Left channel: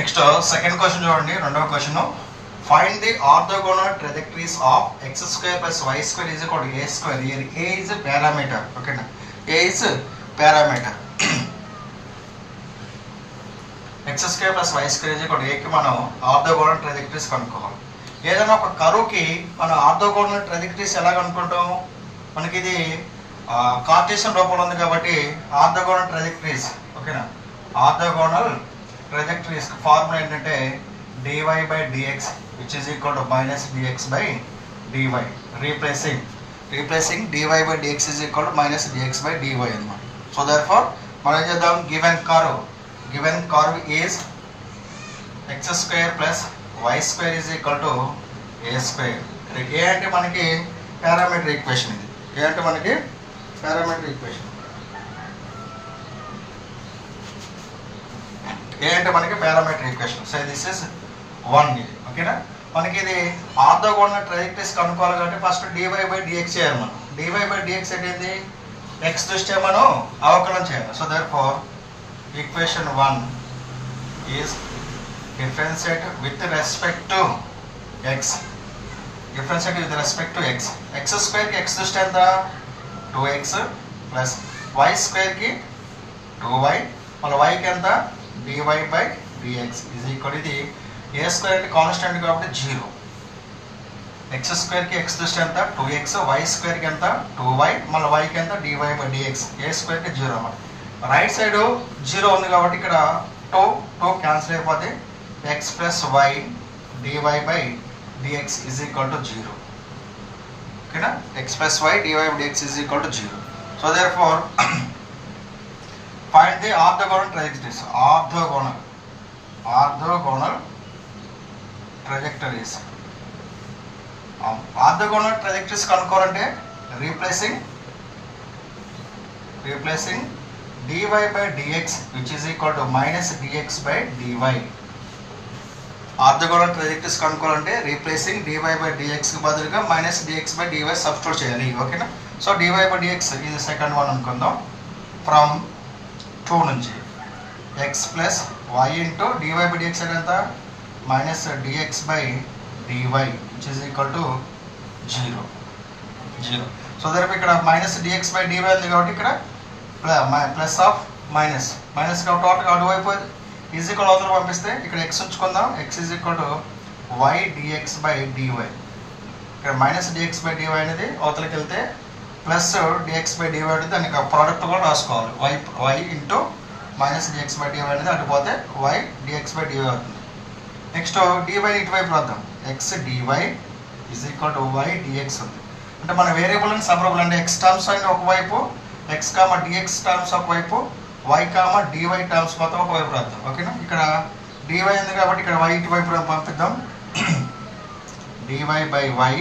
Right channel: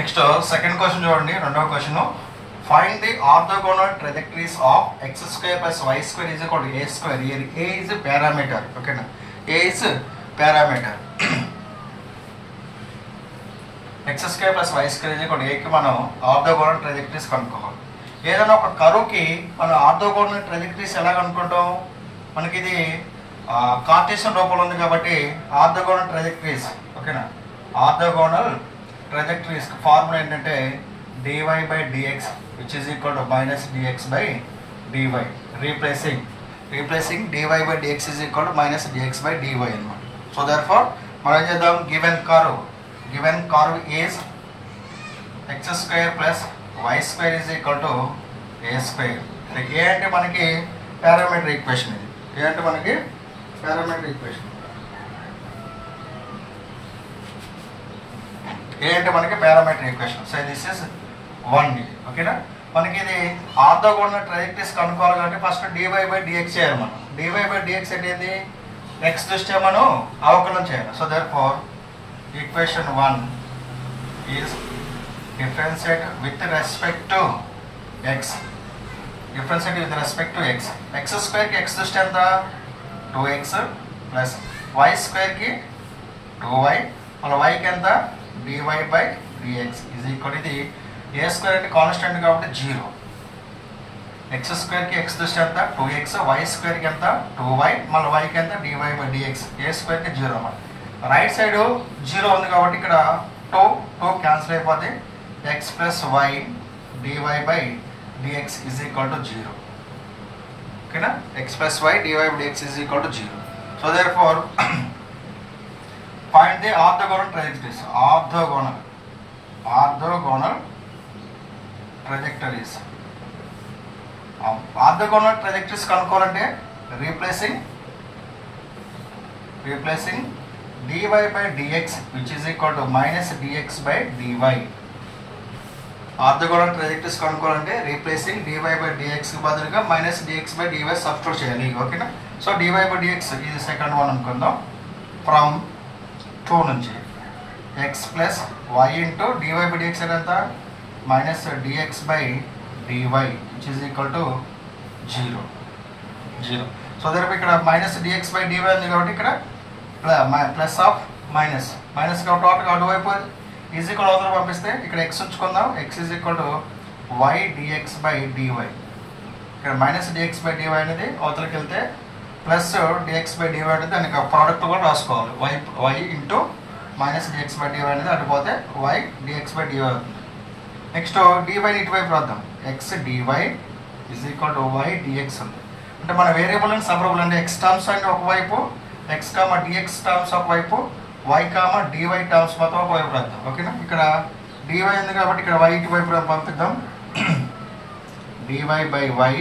Next second question చూడండి. రెండవ question, find the orthogonal trajectories of x square plus y square is equal to a square. Here a is parameter. ఓకేనా, a is parameter. x square plus y square is equal to a కి మనం orthogonal ట్రాజెక్టరీస్ కనుక్కోవాలి. ఏదైనా ఒక కర్వ్కి మనం orthogonal ట్రాజెక్టరీస్ ఎలా కనుక్కుంటాం? మనకి ఇది కార్టేసియన్ రూపంలో ఉంది కాబట్టి ఆర్థోగోనల్ ట్రాజెక్టరీస్. ఓకేనా, ఆర్థోగోనల్ ట్రాజెక్టరీస్ ఫార్ములా ఏంటంటే dy by dx which is equal to minus dx by dy. Replacing dy by dx is equal to minus dx by dy అన్నమాట. సో therefore మనం ఏం చేద్దాం, given curve is x square plus y square is equal to a square. a అంటే మనకి parameter equation. ఇది a అంటే మనకి parameter equation. ఏ అంటే మనకి parameter equation. So this is 1 ఇది. ఓకేనా, మనకి ఇది ఆర్థోగోనల్ ట్రాజెక్టరీస్ కనుక్కోవాలి కాబట్టి ఫస్ట్ dy by dx చేయాలి మనం. dy by dx అంటే ఏంది, x దృష్ట్యా మనం అవకలనం చేయాలి. So therefore equation 1 is differentiate with respect to x. Differentiate with respect to x. x స్క్వేర్కి x దృష్ట్యా ఎంత 2x ప్లస్ y స్క్వేర్కి 2y మన yకి ఎంత dy by dx is equal to ఇది a స్క్వేర్ కి కాన్స్టెంట్ కాబట్టి 0. x స్క్వేర్ కి x దృష్ట్యా ఎంత 2x, y స్క్వేర్ కి ఎంత 2y, మన y కి ఎంత dy by dx. a square కి 0 అన్నమాట. రైట్ సైడ్ 0 ఉంది కాబట్టి ఇక్కడ 2 క్యాన్సిల్ అయిపోతే x plus y dy by dx is equal to 0. ఓకేనా, x plus y dy by dx is equal to 0. So therefore find the orthogonal trajectories. Orthogonal trajectories. Orthogonal trajectories కనుక్కోవాలంటే replacing dy by dx which is equal to minus dx by dy. Orthogonal trajectories కనుక్కోవాలంటే replacing dy by dx కి బదులుగా minus dx by dy substitute చేయాలి. ఓకేనా, so dy by dx ఇది second one అనుకుందాం. From 2 నుంచి x plus y into dy by dx ఎంత minus dx by dy which is equal to 0. So దగ్గర ఇక్కడ మైనస్ dx by dy ఉంది కాబట్టి ఇక్కడ ప్లస్ ఆఫ్ మైనస్ కాబట్టి టోటల్ అటువైపు ఈజ్ ఈక్వల్ అవతల పంపిస్తే ఇక్కడ x ఉంచుకుందాం. x is equal to y dx by dy. ఇక్కడ మైనస్ dx by dy అనేది అవతలకి వెళ్తే ప్లస్ dx by dy అనేది దానికి ప్రోడక్ట్ కూడా రాసుకోవాలి. y into minus dx by dy అనేది అటుపోతే y dx by dy అవుతుంది. నెక్స్ట్ dy ఇటువైపు రాద్దాం. x dy is equal to y dx ఉంది. అంటే మన వేరియబుల్ అండ్ సబ్రబుల్ అంటే x టర్మ్స్ అని ఒకవైపు, x కామా dx టర్మ్స్ ఒకవైపు, y కామా dy టర్మ్స్ మొత్తం ఒకవైపు రాద్దాం. ఓకేనా, ఇక్కడ dy ఉంది కాబట్టి ఇక్కడ y ఇటువైపు పంపిద్దాం. dy by y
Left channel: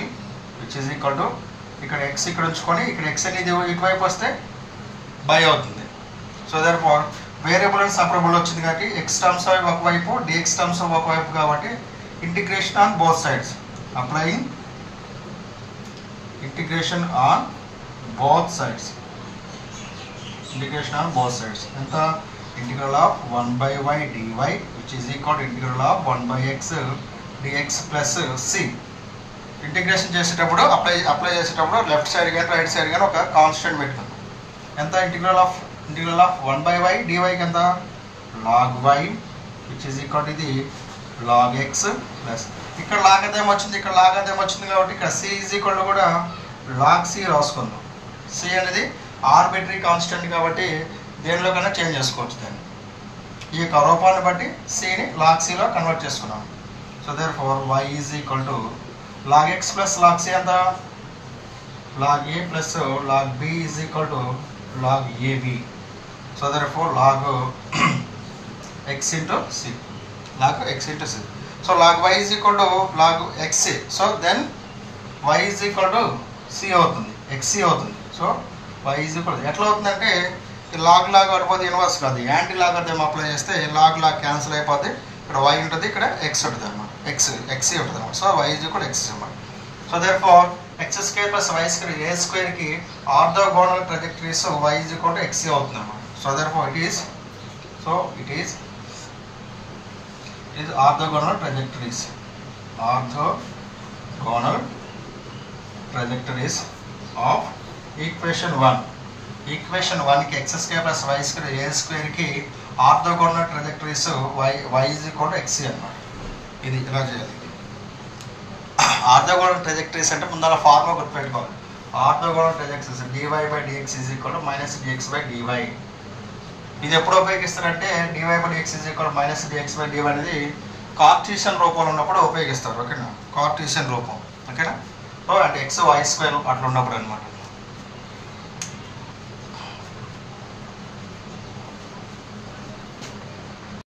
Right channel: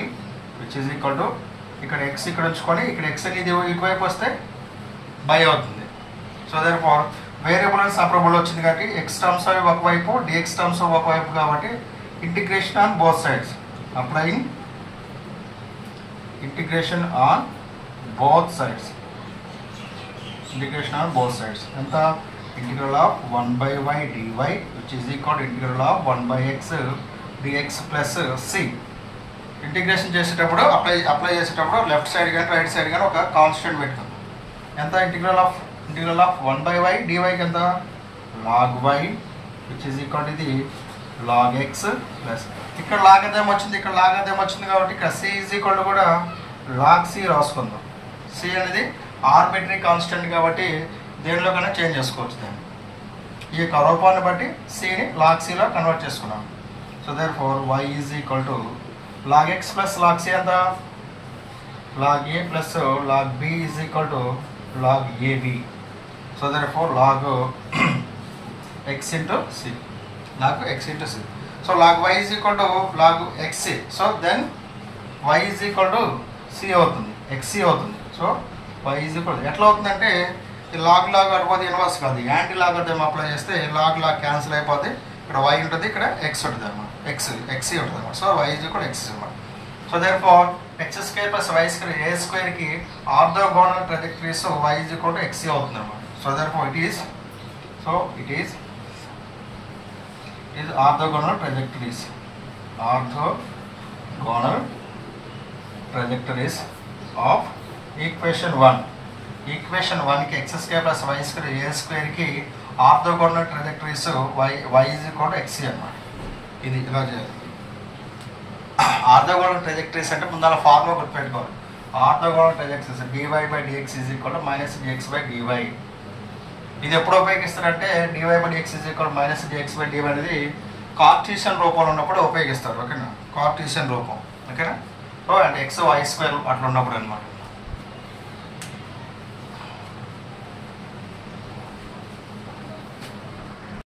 which is equal to ఇక్కడ x ఇక్కడ ఉంచుకొని ఇక్కడ x అనేది ఇటువైపు వస్తే బై అవుతుంది. So therefore variable and separable వచ్చింది కాబట్టి x టర్మ్స్ అవి ఒకవైపు, dx టర్మ్స్ ఒకవైపు కాబట్టి integration on both sides. Applying integration on both sides. Integration on both sides ఎంత integral of 1 by y dy which is equal to integral of 1 by x dx plus c. Integration చేసేటప్పుడు apply చేసేటప్పుడు left side కానీ right side కానీ ఒక constant పెట్టుకుంది. ఎంత integral of 1 by y dy కి ఎంత log y which is equal to ఇది log x ప్లస్ ఇక్కడ log అదేం వచ్చింది, ఇక్కడ log అదేం వచ్చింది కాబట్టి ఇక్కడ c is equal to కూడా log c రాసుకుందాం. c అనేది ఆర్బిటరీ కాన్స్టెంట్ కాబట్టి దేనిలో కన్నా చేంజ్ చేసుకోవచ్చు. దాన్ని ఈ యొక్క రూపాన్ని బట్టి cని log c లో కన్వర్ట్ చేసుకున్నాం. So therefore y is equal to log x plus log c ఎంత log a plus log b is equal to log ab. So therefore log x into c. So log y is equal to log xc. So then y is equal to c అవుతుంది, xc అవుతుంది. So y is equal to ఎట్లా అవుతుందంటే log అడిపోతే inverse కాదు, anti log అర్థం apply చేస్తే log cancel అయిపోతే ఇక్కడ y ఉంటుంది, ఇక్కడ x ఉంటుంది అన్నమాట, xc ఉంటుంది అన్నమాట. So y is equal to x అన్నమాట. So therefore x square plus y square a square కి orthogonal ట్రాజెక్టరీస్ y is equal to xc అవుతుంది అన్నమాట. So therefore it is is orthogonal trajectories. Orthogonal trajectories of equation 1. Equation 1కి x square plus y square a స్క్వేర్కి orthogonal trajectories y is equal to xc అన్నమాట. ఇది ఇలా చేయాలి. Orthogonal ట్రజెక్టరీస్ అంటే ముందు అలా ఫార్ములా గుర్తుపెట్టుకోవాలి. Orthogonal ట్రజెక్టరీస్ dy/dx is equal to -dx/dy. ఇది ఎప్పుడు ఉపయోగిస్తారంటే dy/dx ఈజ్ ఈక్వల్ -dx/dy అనేది కార్టీసియన్ రూపంలో ఉన్నప్పుడు ఉపయోగిస్తారు. ఓకేనా, కార్టీసియన్ రూపం. ఓకేనా, అంటే x y స్క్వేర్ అట్లా ఉన్నప్పుడు అనమాట.